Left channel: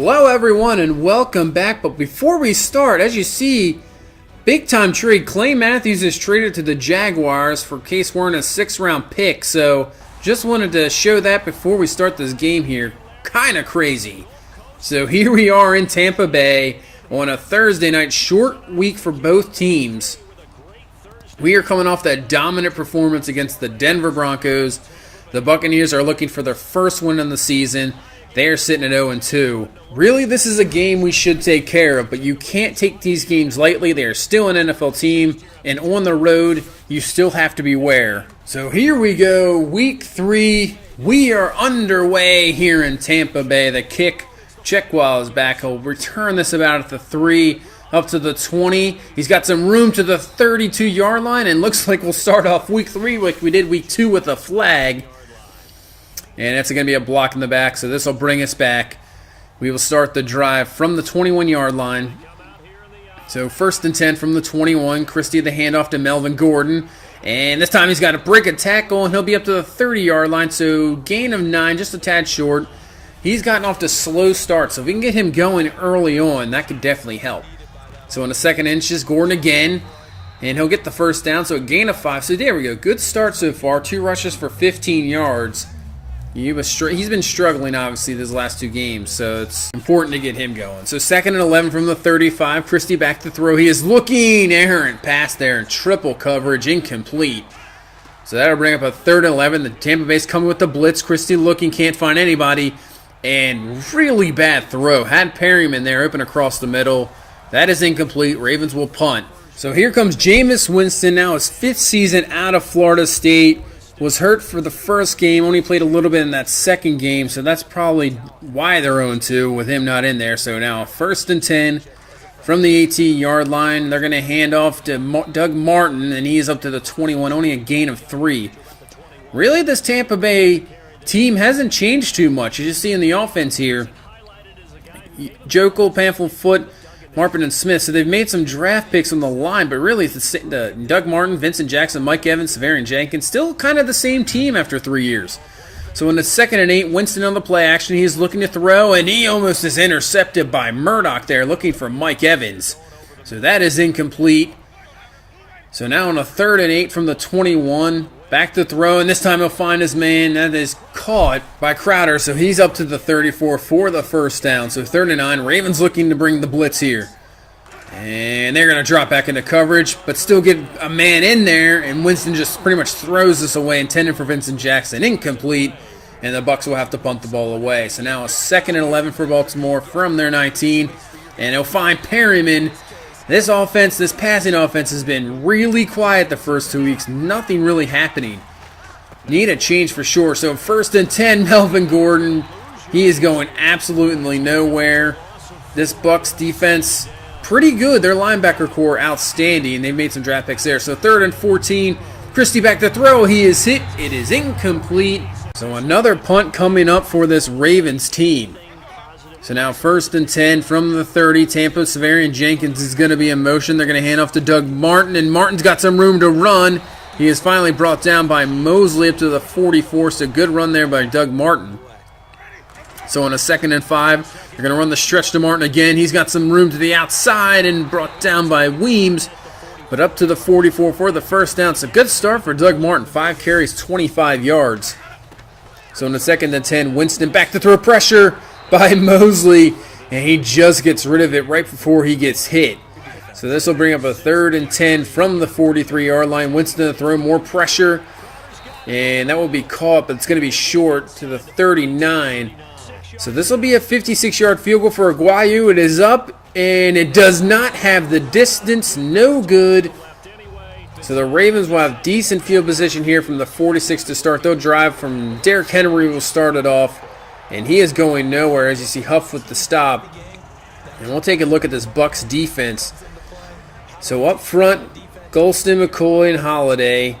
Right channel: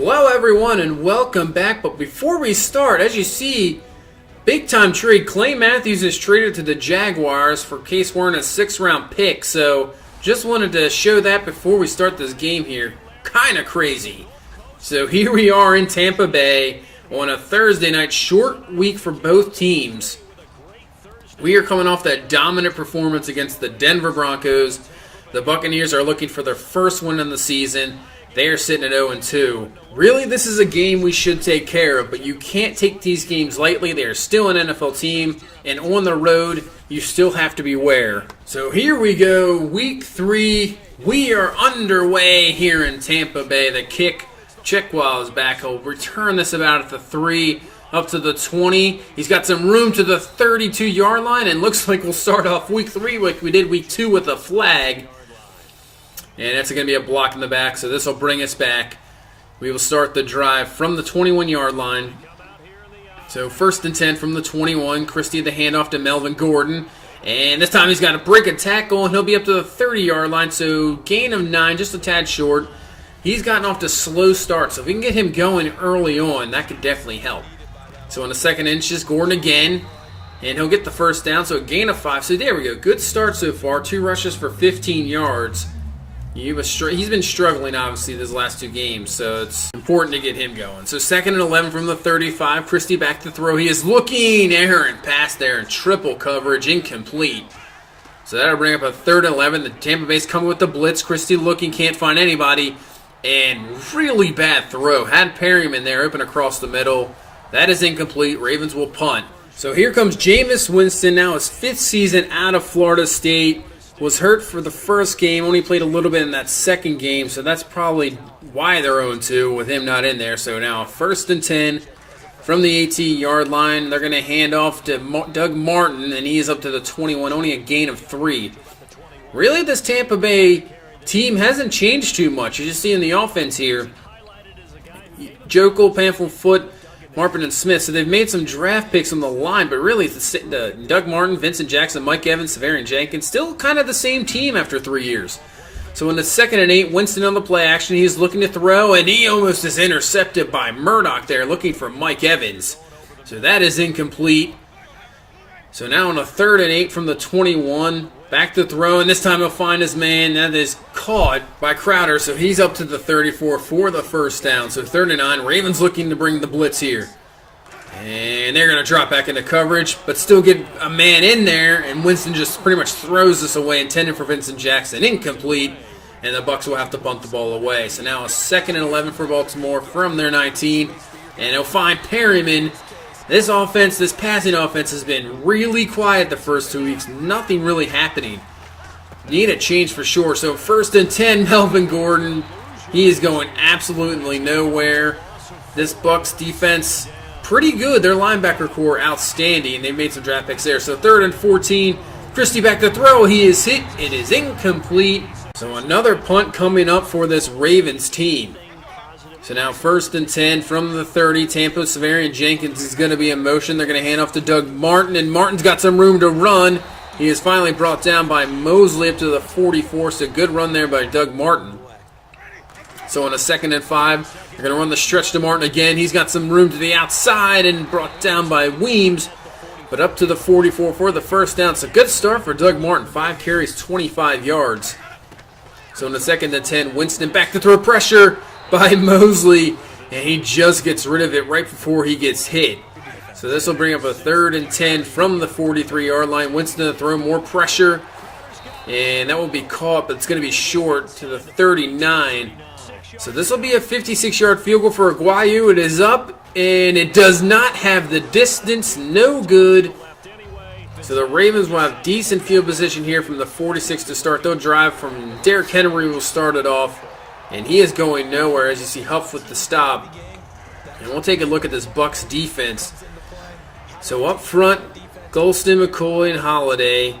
Hello everyone and welcome back, but before we start, as you see, big time trade. Clay Matthews is traded to the Jaguars for Case Warren, a 6th round pick, so just wanted to show that before we start this game here. Kinda crazy. So here we are in Tampa Bay on a Thursday night, short week for both teams. We are coming off that dominant performance against the Denver Broncos. The Buccaneers are looking for their first win in the season. They are sitting at 0-2. Really, this is a game we should take care of, but you can't take these games lightly. They are still an NFL team, and on the road, you still have to beware. So here we go, week 3. We are underway here in Tampa Bay. The kick, Checkwell is back. He'll return this about at the 3, up to the 20. He's got some room to the 32-yard line, and looks like we'll start off week 3 like we did week 2 with a flag. And it's going to be a block in the back, so this will bring us back. We will start the drive from the 21-yard line. So 1st and 10 from the 21. Christie the handoff to Melvin Gordon. And this time he's got to break a tackle, and he'll be up to the 30-yard line. So gain of 9, just a tad short. He's gotten off to slow start, so if we can get him going early on, that could definitely help. So on the 2nd inches, Gordon again. And he'll get the first down, so a gain of 5. So there we go. Good start so far. 2 rushes for 15 yards. He's been struggling, obviously, these last 2 games, so it's important to get him going. So 2nd and 11 from the 35. Christie back to throw. He is looking errant pass there in triple coverage, incomplete. So that'll bring up a 3rd and 11. The Tampa Bay's coming with the blitz. Christie looking, can't find anybody, and really bad throw. Had Perryman there, open across the middle. That is incomplete. Ravens will punt. So here comes Jameis Winston, now his 5th season out of Florida State. Was hurt for the first game, only played a little bit in that second game, so that's probably why they're 0-2 with him not in there. So now 1st and 10 from the 18-yard line. They're going to hand off to Doug Martin, and he's up to the 21, only a gain of 3. Really, this Tampa Bay team hasn't changed too much. You just see in the offense here, Jokel, Pamphlet, Foot, Marpin, and Smith. So they've made some draft picks on the line, but really the Doug Martin, Vincent Jackson, Mike Evans, Severian Jenkins, still kind of the same team after 3 years. So in the 2nd and 8, Winston on the play action. He's looking to throw, and he almost is intercepted by Murdoch there, looking for Mike Evans. So that is incomplete. So now on a 3rd and 8 from the 21, back to throw, and this time he'll find his man. That is caught by Crowder, so he's up to the 34 for the first down. So 3rd and 9, Ravens looking to bring the blitz here. And they're going to drop back into coverage, but still get a man in there, and Winston just pretty much throws this away, intended for Vincent Jackson. Incomplete, and the Bucs will have to punt the ball away. So now a 2nd and 11 for Baltimore from their 19, and they'll find Perryman. This offense, this passing offense, has been really quiet the first 2 weeks. Nothing really happening. Need a change for sure. So 1st and 10, Melvin Gordon. He is going absolutely nowhere. This Bucs defense, pretty good. Their linebacker core, outstanding. They've made some draft picks there. So 3rd and 14, Christie back to throw. He is hit. It is incomplete. So another punt coming up for this Ravens team. So now 1st and 10 from the 30. Tampa, Severian Jenkins is going to be in motion. They're going to hand off to Doug Martin, and Martin's got some room to run. He is finally brought down by Mosley up to the 44, so good run there by Doug Martin. So on a 2nd and 5, they're going to run the stretch to Martin again. He's got some room to the outside and brought down by Weems, but up to the 44 for the first down. It's a good start for Doug Martin. 5 carries, 25 yards. So on the 2nd and 10, Winston back to throw, pressure by Mosley, and he just gets rid of it right before he gets hit. So this will bring up a 3rd and 10 from the 43-yard line. Winston to throw, more pressure, and that will be caught, but it's going to be short to the 39. So this will be a 56-yard field goal for Aguayo. It is up, and it does not have the distance. No good. So the Ravens will have decent field position here from the 46 to start. They'll drive from Derrick Henry will start it off. And he is going nowhere, as you see Huff with the stop. And we'll take a look at this Bucs defense. So up front, Golston, McCoy, and Holiday.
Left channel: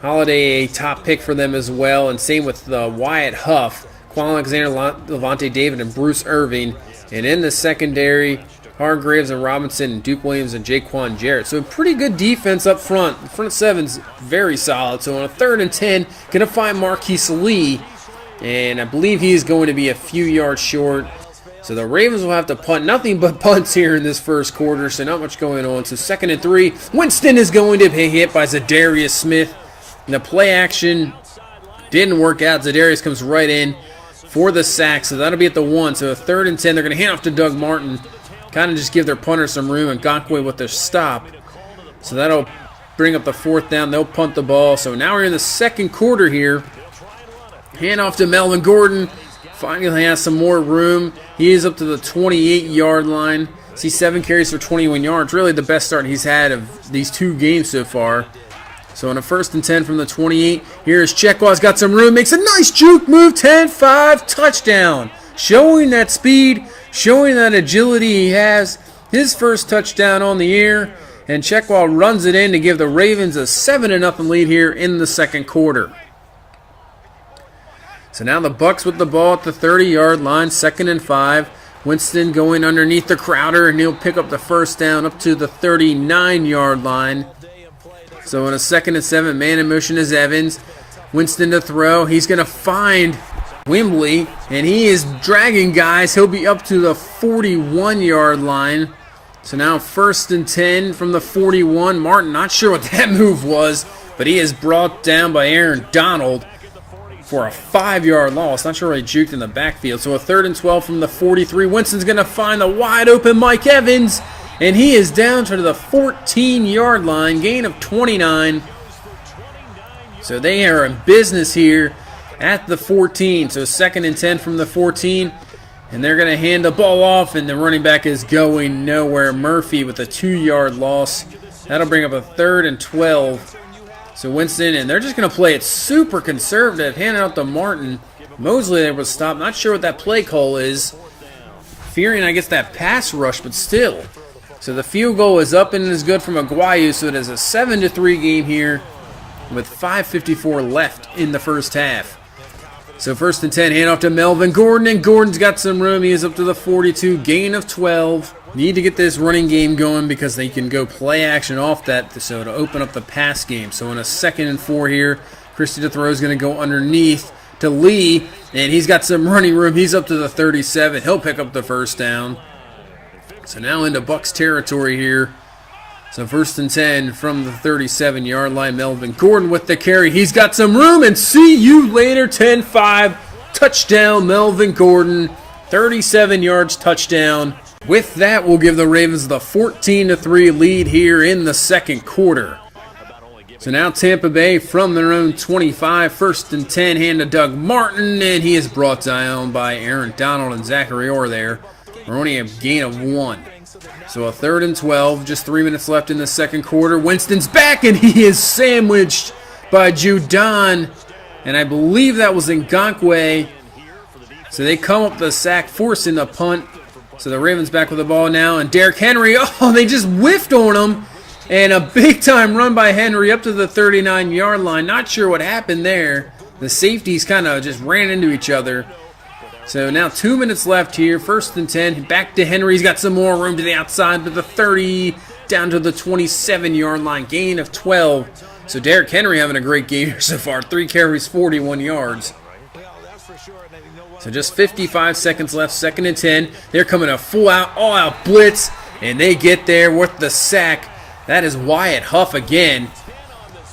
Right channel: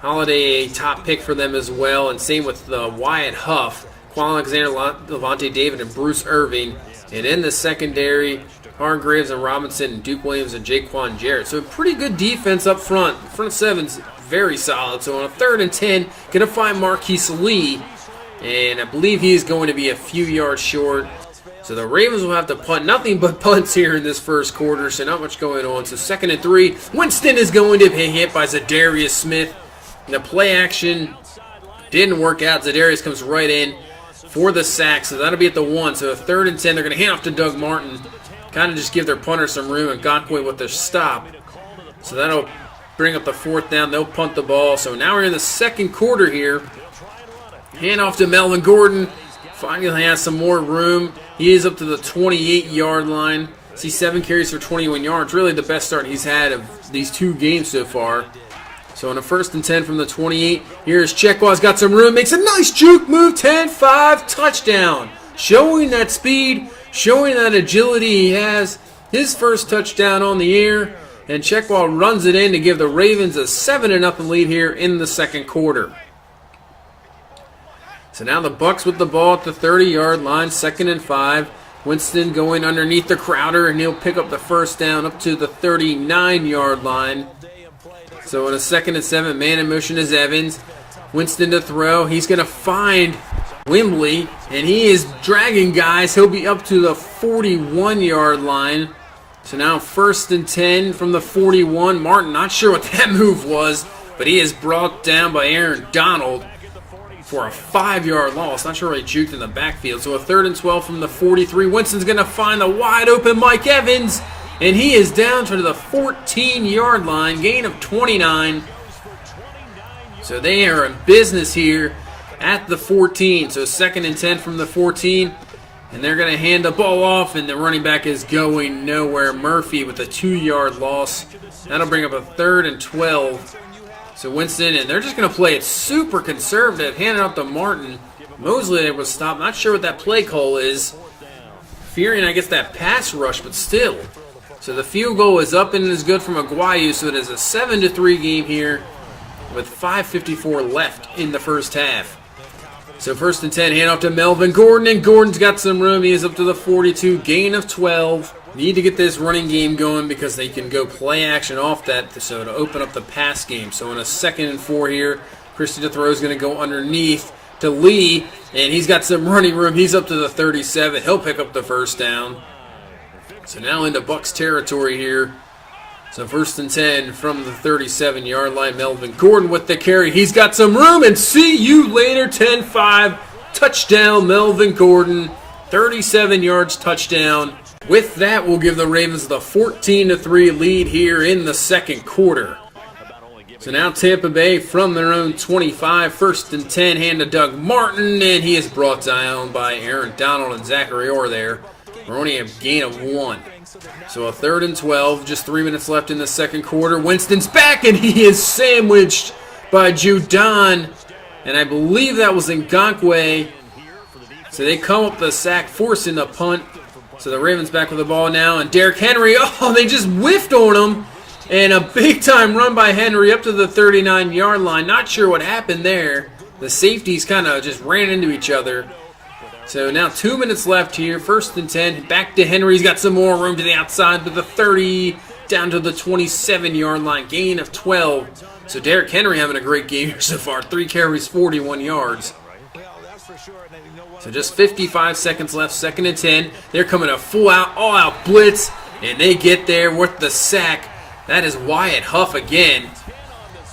Holiday a top pick for them as well, and same with Wyatt Huff, Quan Alexander, Levante David, and Bruce Irving. And in the secondary, Hargraves and Robinson, and Duke Williams, and Jaquan Jarrett. So a pretty good defense up front. The front seven's very solid. So on a 3rd and 10, going to find Marquise Lee. And I believe he's going to be a few yards short. So the Ravens will have to punt. Nothing but punts here in this first quarter, so not much going on. So 2nd and 3. Winston is going to be hit by Zadarius Smith. And the play action didn't work out. Zadarius comes right in for the sack, so that'll be at the 1. So a 3rd and 10. They're going to hand off to Doug Martin. Kind of just give their punter some room, and Ngakoue with their stop. So that'll bring up the 4th down. They'll punt the ball. So now we're in the second quarter here. Hand off to Melvin Gordon. Finally has some more room. He is up to the 28-yard line. See, 7 carries for 21 yards. Really the best start he's had of these 2 games so far. So on a 1st and 10 from the 28, here's Chekwah's got some room. Makes a nice juke move. 10-5 touchdown. Showing that speed, showing that agility he has. His first touchdown on the year. And Chekwah runs it in to give the Ravens a 7-0 lead here in the second quarter. So now the Bucs with the ball at the 30-yard line, 2nd and 5. Winston going underneath the Crowder, and he'll pick up the 1st down up to the 39-yard line. So in a 2nd and 7, man in motion is Evans. Winston to throw. He's going to find Wimbley, and he is dragging guys. He'll be up to the 41-yard line. So now 1st and 10 from the 41. Martin, not sure what that move was, but he is brought down by Aaron Donald for a 5-yard loss. Not sure where he juked in the backfield. So a 3rd and 12 from the 43. Winston's going to find the wide open Mike Evans, and he is down to the 14-yard line, gain of 29. So they are in business here at the 14. So 2nd and 10 from the 14. And they're going to hand the ball off, and the running back is going nowhere. Murphy with a 2-yard loss. That'll bring up a 3rd and 12. So Winston, and they're just going to play it super conservative, handing out to Martin. Mosley there was stopped. Not sure what that play call is. Fearing, I guess, that pass rush, but still. So the field goal is up and is good from Aguayo, so it is a 7-3 game here with 5:54 left in the first half. So 1st and 10, hand off to Melvin Gordon, and Gordon's got some room. He is up to the 42, gain of 12. Need to get this running game going because they can go play action off that, so to open up the pass game. So in a 2nd and 4 here, Christie to throw is going to go underneath to Lee, and he's got some running room. He's up to the 37. He'll pick up the 1st down. So now into Bucs territory here. So 1st and 10 from the 37-yard line. Melvin Gordon with the carry. He's got some room, and see you later. 10-5 touchdown Melvin Gordon. 37 yards touchdown. With that, we'll give the Ravens the 14-3 lead here in the second quarter. So now Tampa Bay from their own 25. 1st and 10, hand to Doug Martin, and he is brought down by Aaron Donald and Zachary Orr there. We're only a gain of 1. So a 3rd and 12, just 3 minutes left in the second quarter. Winston's back, and he is sandwiched by Judon. And I believe that was Ngakoue. So they come up the sack, forcing the punt. So the Ravens back with the ball now, and Derrick Henry, they just whiffed on him. And a big-time run by Henry up to the 39-yard line. Not sure what happened there. The safeties kind of just ran into each other. So now 2 minutes left here. 1st and 10. Back to Henry. He's got some more room to the outside to the 30, down to the 27-yard line. Gain of 12. So Derrick Henry having a great game here so far. 3 carries, 41 yards. So just 55 seconds left. 2nd and 10. They're coming a full-out, all-out blitz, and they get there with the sack. That is Wyatt Huff again.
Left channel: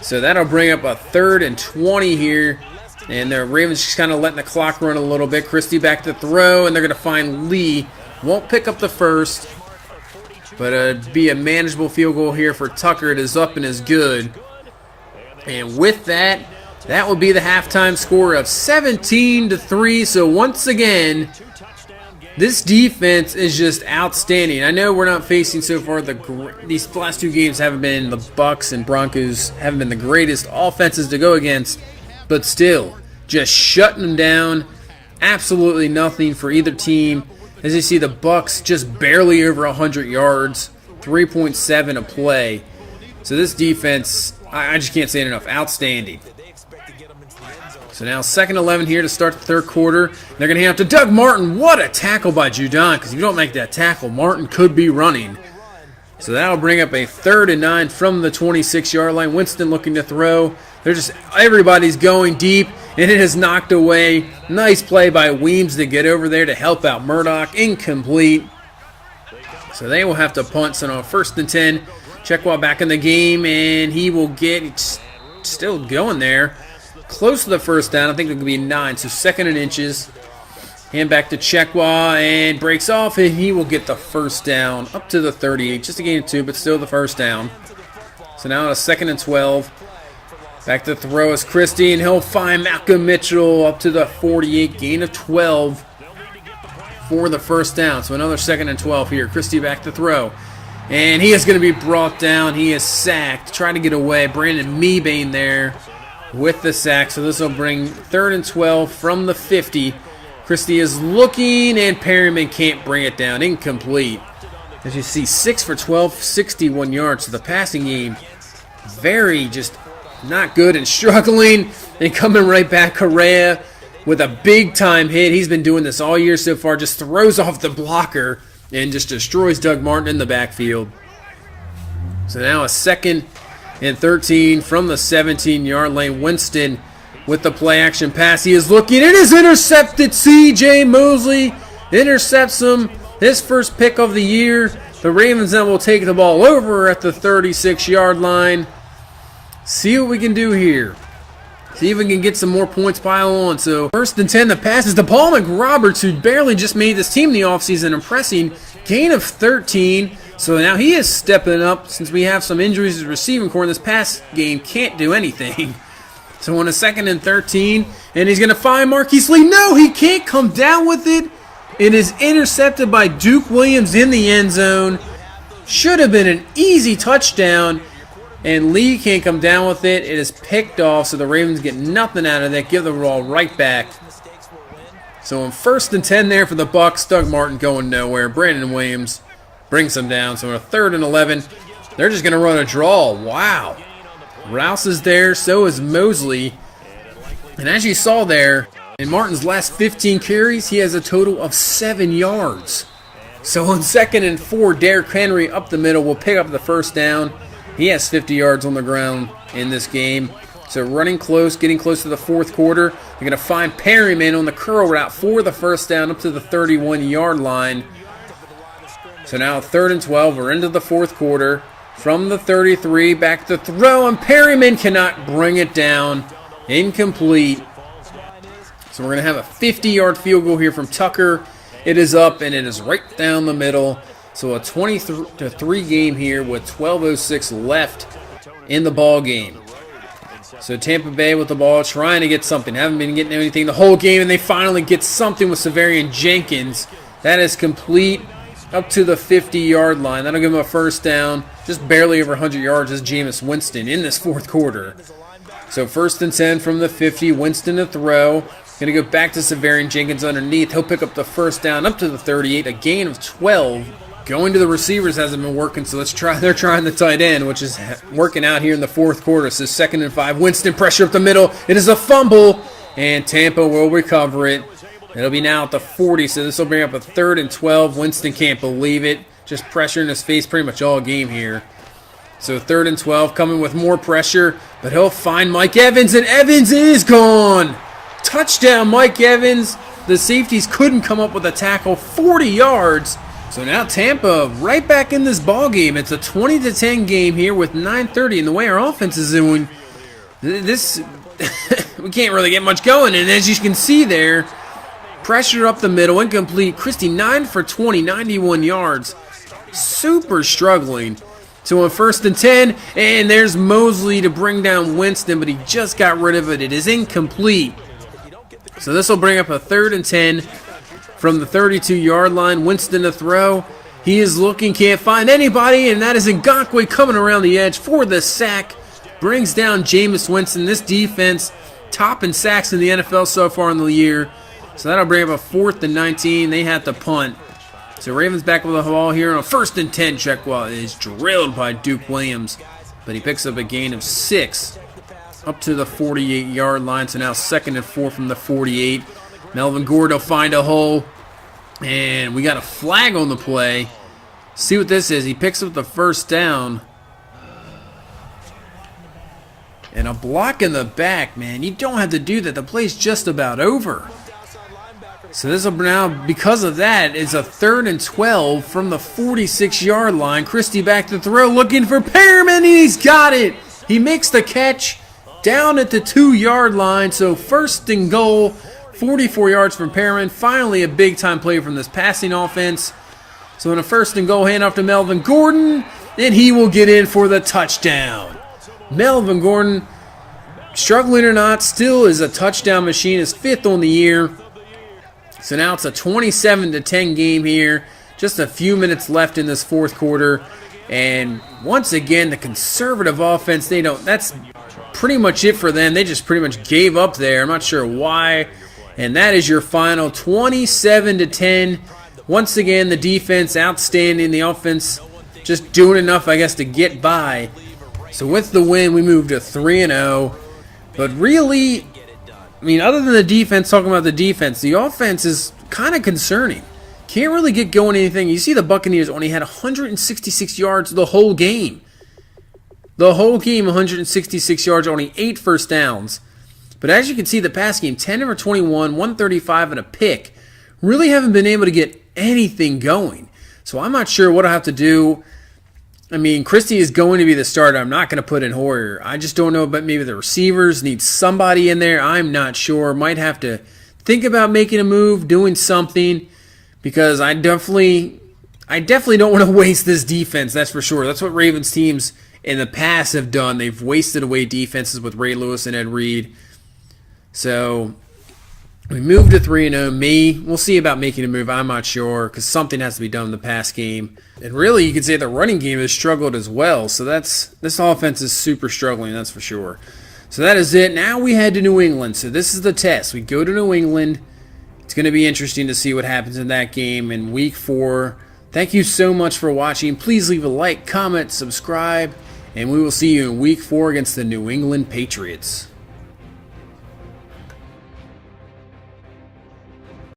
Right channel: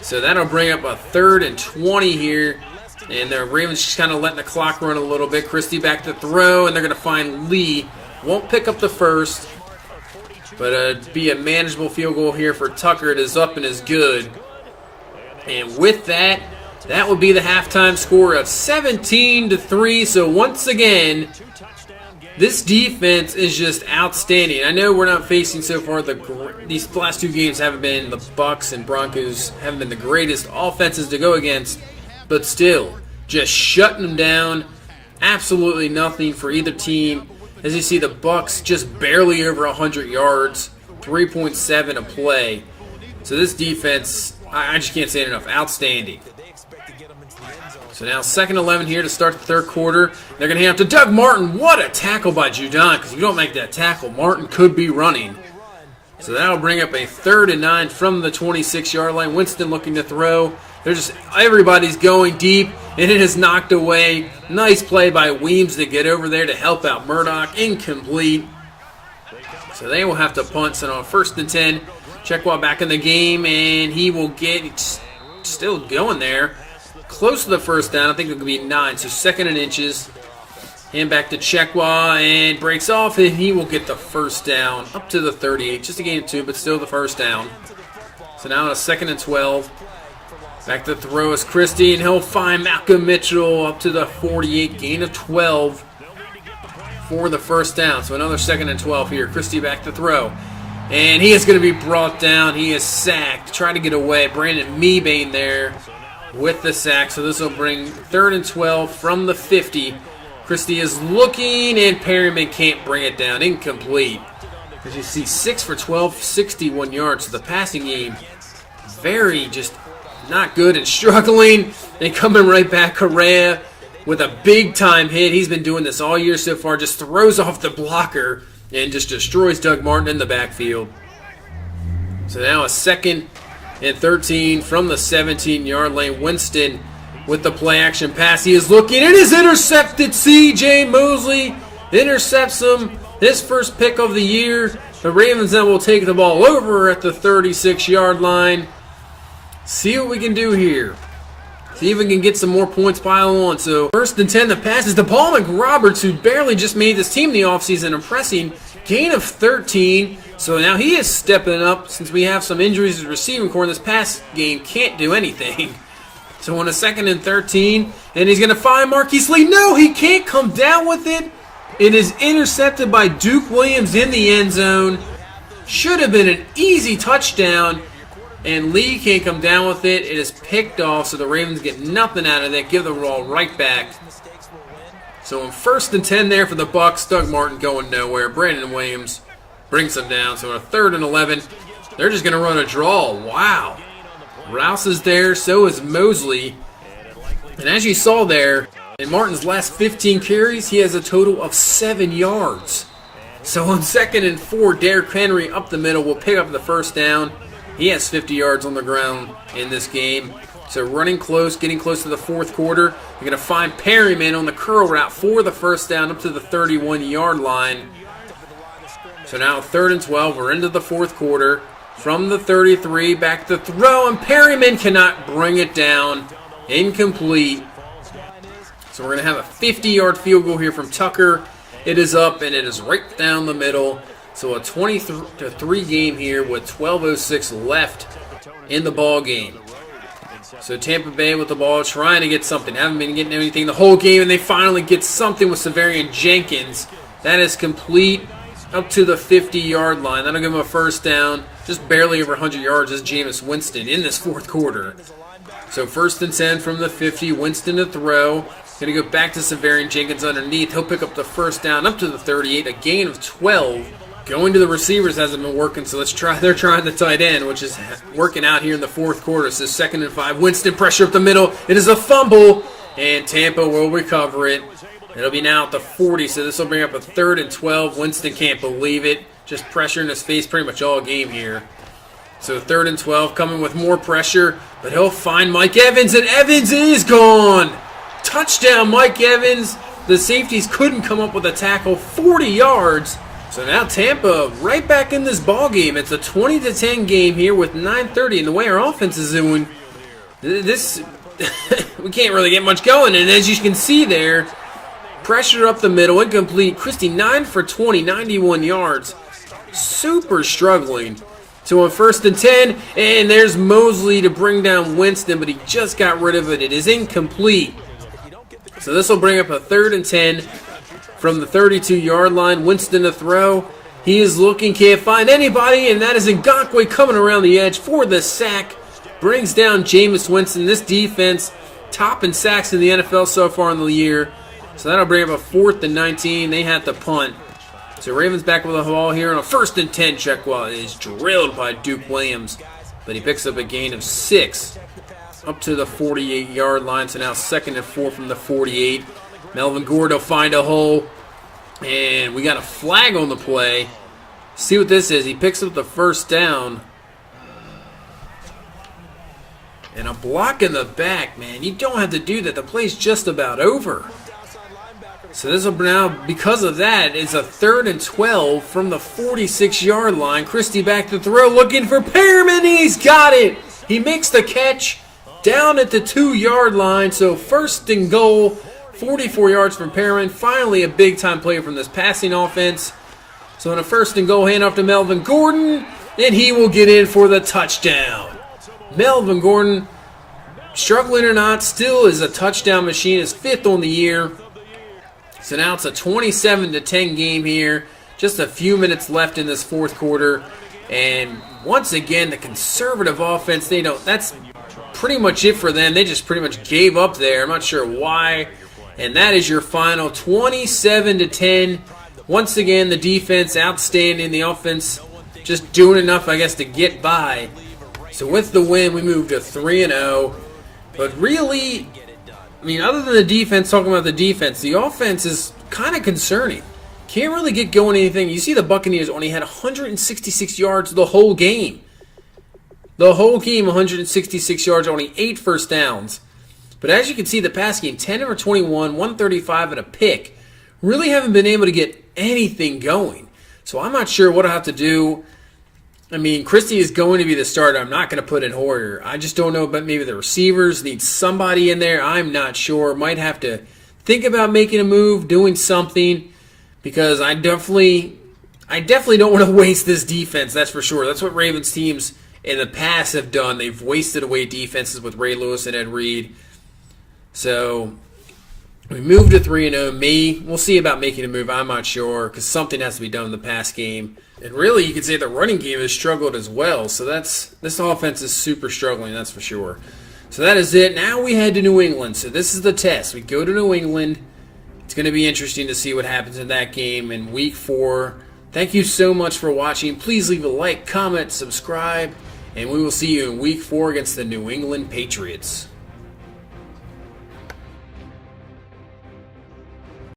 So that'll bring up a 3rd and 20 here. And the Ravens just kind of letting the clock run a little bit. Christie back to throw, and they're going to find Lee. Won't pick up the 1st, but it'd be a manageable field goal here for Tucker. It is up and is good. And with that, that would be the halftime score of 17-3. So once again, this defense is just outstanding. I know we're not facing so far these last 2 games haven't been, the Bucs and Broncos haven't been the greatest offenses to go against, but still, just shutting them down. Absolutely nothing for either team. As you see, the Bucs just barely over 100 yards, 3.7 a play. So this defense, I just can't say it enough. Outstanding. So now 2nd 11 here to start the 3rd quarter. They're going to hand up to Doug Martin. What a tackle by Judon, because if you don't make that tackle, Martin could be running. So that'll bring up a 3rd and 9 from the 26-yard line. Winston looking to throw. Everybody's going deep, and it is knocked away. Nice play by Weems to get over there to help out Murdoch. Incomplete. So they will have to punt. So now 1st and 10. Chekwa back in the game, and he will get still going there. Close to the 1st down. I think it could be 9. So 2nd and inches. Hand back to Chekwa, and breaks off, and he will get the 1st down up to the 38. Just a gain of 2, but still the 1st down. So now on a 2nd and 12. Back to throw is Christie, and he'll find Malcolm Mitchell up to the 48. Gain of 12 for the 1st down. So another 2nd and 12 here. Christie back to throw. And he is going to be brought down. He is sacked. Trying to get away. Brandon Mebane there with the sack. So this will bring 3rd and 12 from the 50. Christie is looking, and Perryman can't bring it down. Incomplete. As you see, 6 for 12, 61 yards. So the passing game, very just not good and struggling. And coming right back, Correa with a big-time hit. He's been doing this all year so far. Just throws off the blocker and just destroys Doug Martin in the backfield. So now a 2nd and 13 from the 17-yard lane. Winston with the play-action pass. He is looking. It is intercepted. C.J. Mosley intercepts him. His first pick of the year. The Ravens then will take the ball over at the 36-yard line. See what we can do here. See if we can get some more points pile on. So 1st and 10, the pass is to Paul McRoberts, who barely just made this team in the offseason, impressing. Gain of 13. So now he is stepping up. Since we have some injuries to the receiving core, this pass game can't do anything. So on a 2nd and 13, and he's going to find Marquise Lee. No, he can't come down with it. It is intercepted by Duke Williams in the end zone. Should have been an easy touchdown. And Lee can't come down with it. It is picked off, so the Ravens get nothing out of that. Give the ball right back. So on 1st and 10 there for the Bucs. Doug Martin going nowhere. Brandon Williams brings them down. So on a 3rd and 11, they're just going to run a draw. Wow. Rouse is there. So is Mosley. And as you saw there, in Martin's last 15 carries, he has a total of 7 yards. So on 2nd and 4, Derrick Henry up the middle will pick up the 1st down. He has 50 yards on the ground in this game. So running close, getting close to the 4th quarter. They're going to find Perryman on the curl route for the 1st down up to the 31-yard line. So now 3rd and 12. We're into the 4th quarter. From the 33, back to throw, and Perryman cannot bring it down. Incomplete. So we're going to have a 50-yard field goal here from Tucker. It is up, and it is right down the middle. So a 23 game here with 12:06 left in the ball game. So Tampa Bay with the ball, trying to get something. Haven't been getting anything the whole game, and they finally get something with Severian Jenkins. That is complete up to the 50-yard line. That'll give him a 1st down. Just barely over 100 yards is Jameis Winston in this 4th quarter. So 1st and 10 from the 50. Winston to throw. Going to go back to Severian Jenkins underneath. He'll pick up the 1st down up to the 38. A gain of 12. Going to the receivers hasn't been working, so they're trying the tight end, which is working out here in the 4th quarter. So 2nd and 5. Winston pressure up the middle. It is a fumble, and Tampa will recover it. It'll be now at the 40, so this will bring up a 3rd and 12. Winston can't believe it. Just pressure in his face pretty much all game here. So 3rd and 12 coming with more pressure, but he'll find Mike Evans, and Evans is gone. Touchdown, Mike Evans. The safeties couldn't come up with a tackle. 40 yards. So now Tampa right back in this ball game. It's a 20-10 game here with 9:30, and the way our offense is doing, this we can't really get much going. And as you can see there, pressure up the middle, incomplete. Christie 9 for 20, 91 yards. Super struggling. So on 1st and 10, and there's Mosley to bring down Winston, but he just got rid of it. It is incomplete. So this will bring up a 3rd and 10 from the 32-yard line. Winston to throw. He is looking, can't find anybody, and that is Ngakoue coming around the edge for the sack. Brings down Jameis Winston. This defense, top in sacks in the NFL so far in the year. So that'll bring up a 4th and 19. They have to punt. So Ravens back with the ball here on a 1st and 10 check while it is drilled by Duke Williams. But he picks up a gain of 6 up to the 48-yard line. So now 2nd and 4 from the 48. Melvin Gordon will find a hole. And we got a flag on the play. See what this is. He picks up the first down. And a block in the back, man. You don't have to do that. The play's just about over. So this will now, because of that, is a 3rd and 12 from the 46-yard line. Christie back to throw, looking for Perriman. He's got it. He makes the catch down at the 2-yard line. So 1st and goal, 44 yards from Perriman. Finally a big-time play from this passing offense. So in a 1st and goal, handoff to Melvin Gordon, and he will get in for the touchdown. Melvin Gordon, struggling or not, still is a touchdown machine. His 5th on the year. So now it's a 27-10 game here. Just a few minutes left in this 4th quarter. And once again, the conservative offense, that's pretty much it for them. They just pretty much gave up there. I'm not sure why. And that is your final 27-10. Once again, the defense outstanding. The offense just doing enough, I guess, to get by. So with the win, we move to 3-0. But really, I mean, other than the defense, talking about the defense, the offense is kind of concerning. Can't really get going anything. You see the Buccaneers only had 166 yards the whole game. The whole game, 166 yards, only 8 first downs. But as you can see, the pass game, 10 over 21, 135 and a pick. Really haven't been able to get anything going. So I'm not sure what I'll have to do. I mean, Christie is going to be the starter. I'm not going to put in Hoyer. I just don't know, but maybe the receivers need somebody in there. I'm not sure. Might have to think about making a move, doing something, because I definitely don't want to waste this defense. That's for sure. That's what Ravens teams in the past have done. They've wasted away defenses with Ray Lewis and Ed Reed. So we moved to 3-0. We'll see about making a move. I'm not sure, because something has to be done in the pass game. And really, you could say the running game has struggled as well. So this offense is super struggling, that's for sure. So that is it. Now we head to New England. So this is the test. We go to New England. It's going to be interesting to see what happens in that game in Week 4. Thank you so much for watching. Please leave a like, comment, subscribe, and we will see you in Week 4 against the New England Patriots.